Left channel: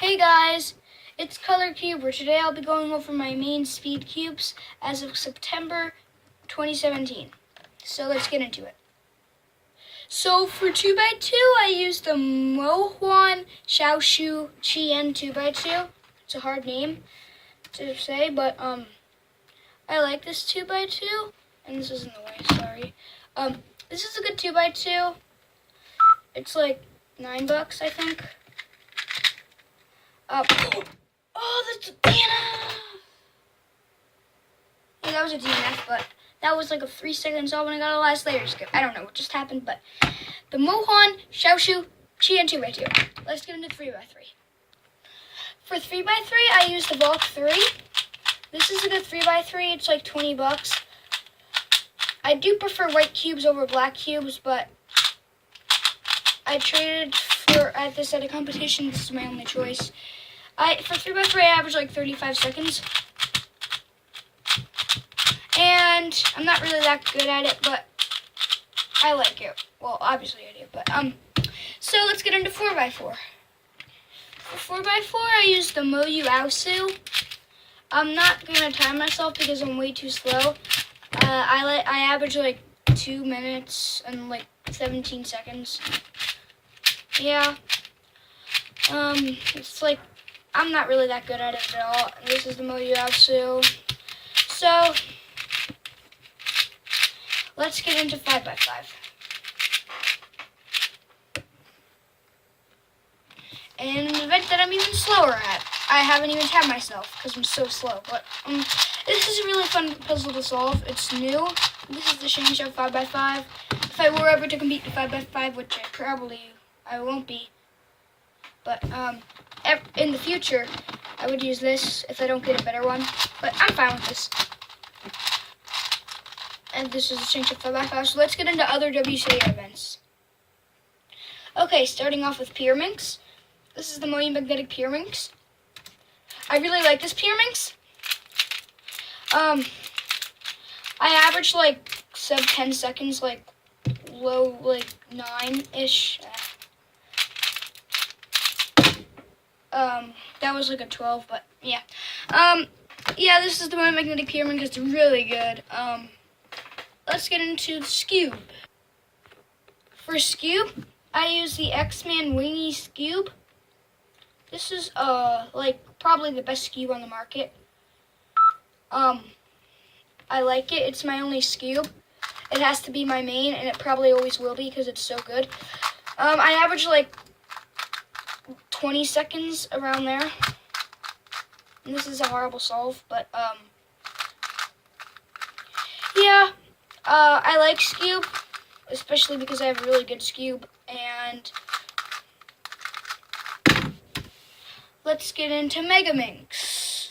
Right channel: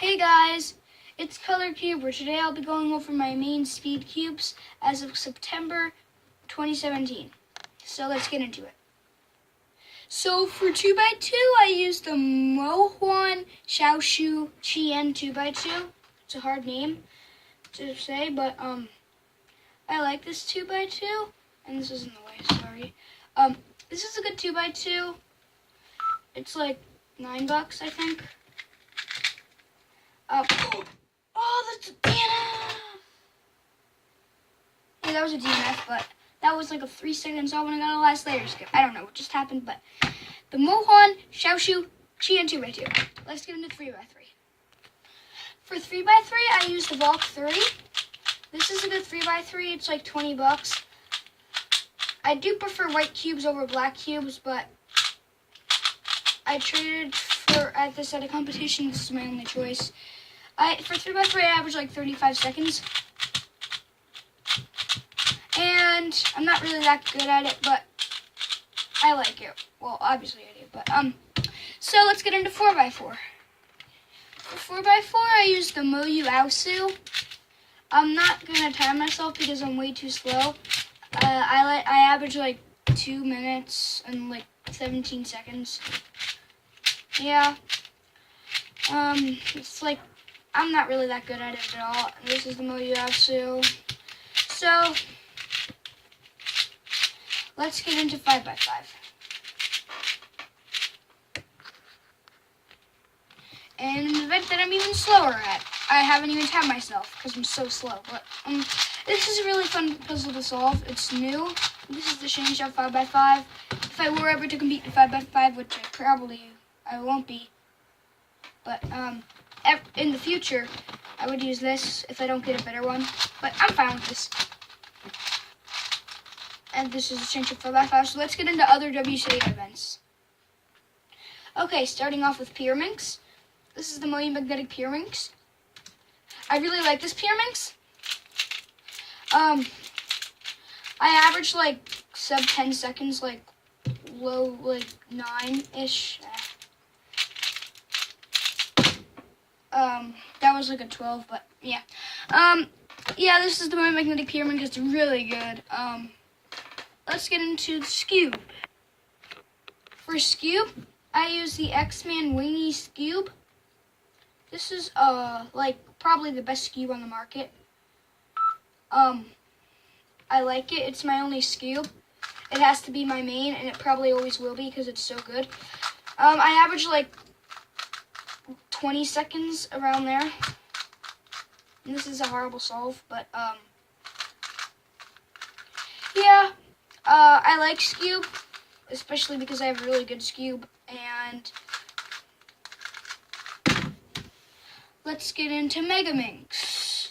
Hey guys, it's Color Cube, where today I'll be going over my main speed cubes as of September 2017. So let's get into it. So for 2x2, I use the MoHuanShouSu Chuwen 2x2. It's a hard name to say, but I like this 2x2. And this is in the way, sorry. This is a good 2x2. It's like $9, I think. Oh, that's a DNF. Yeah, that was a DNF, but that was like a 3-second solve when I got a last layer skip. I don't know what just happened, but the MoHuanShouSu Chuwen 2x2. Let's get into 3x3. For 3x3, I use the Valk 3. This is a good 3x3. It's like $20. I do prefer white cubes over black cubes, but I traded for at this at a competition. This is my only choice. For 3x3, I average like 35 seconds. And I'm not really that good at it, but I like it. Well, obviously I do, but so let's get into 4x4. For 4x4, I use the Moyu Aosu. I'm not gonna time myself because I'm way too slow. I average like 2 minutes and like 17 seconds. Yeah. It's like I'm not really that good at it at all. This is the Moyu Aosu. So let's get into 5x5. And an event that I'm even slower at. I haven't even tabbed myself because I'm so slow. But this is a really fun puzzle to solve. It's new. This is the Shengshou 5x5. If I were ever to compete in 5x5, which I won't be. But in the future, I would use this if I don't get a better one. But I'm fine with this. And this is the Shengshou 5x5. So let's get into other WCA events. Okay, starting off with Pyraminx. This is the Moyu magnetic Pyraminx. I really like this Pyraminx. I average like sub 10 seconds, like low, like 9-ish. That was like a 12, but yeah. Yeah, this is the Moyu magnetic Pyraminx. It's really good. Let's get into Skewb. For Skewb, I use the X-Man Wingy Skewb. This is like probably the best Skewb on the market. I like it. It's my only Skewb. It has to be my main, and it probably always will be because it's so good. I average like 20 seconds around there. And this is a horrible solve, but yeah. I like Skewb, especially because I have a really good Skewb. And let's get into Megaminx.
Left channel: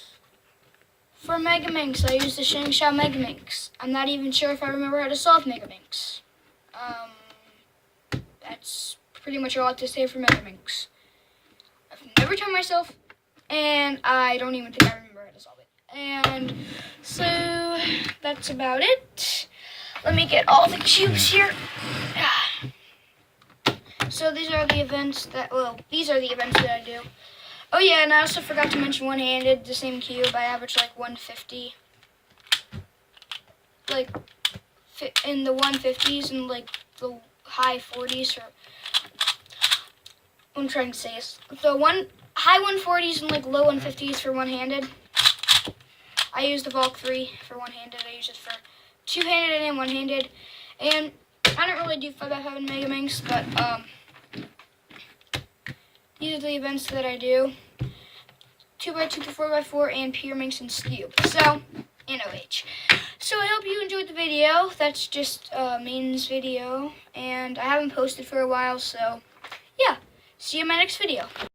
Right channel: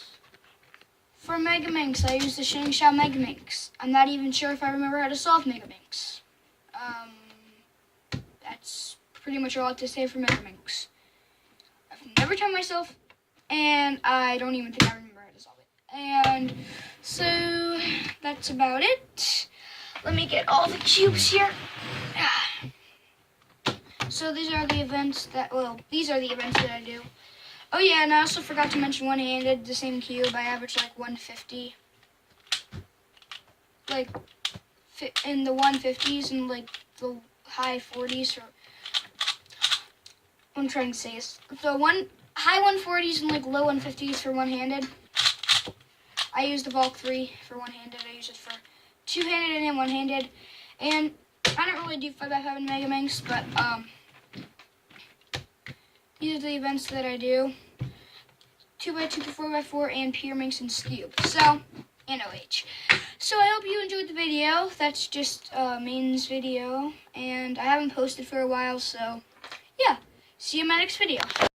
For Megaminx, I use the Shengshou Megaminx. I'm not even sure if I remember how to solve Megaminx. That's pretty much all I have to say for Megaminx. I've never timed myself, and I don't even think I remember how to solve it. And so that's about it. Let me get all the cubes here. So these are the events that I do. Oh yeah, and I also forgot to mention one-handed, the same cube. I average like 150. Like in the 150s and like the high 40s, or what I'm trying to say is the high 140s and like low 150s for one-handed. I use the Valk 3 for one-handed. I use it for two-handed and one-handed. And I don't really do 5x5 and Megaminx, but these are the events that I do. 2x2 to 4x4 and Pyraminx and Skewb. So, and OH. So I hope you enjoyed the video. That's just mains video. And I haven't posted for a while, so yeah. See you in my next video.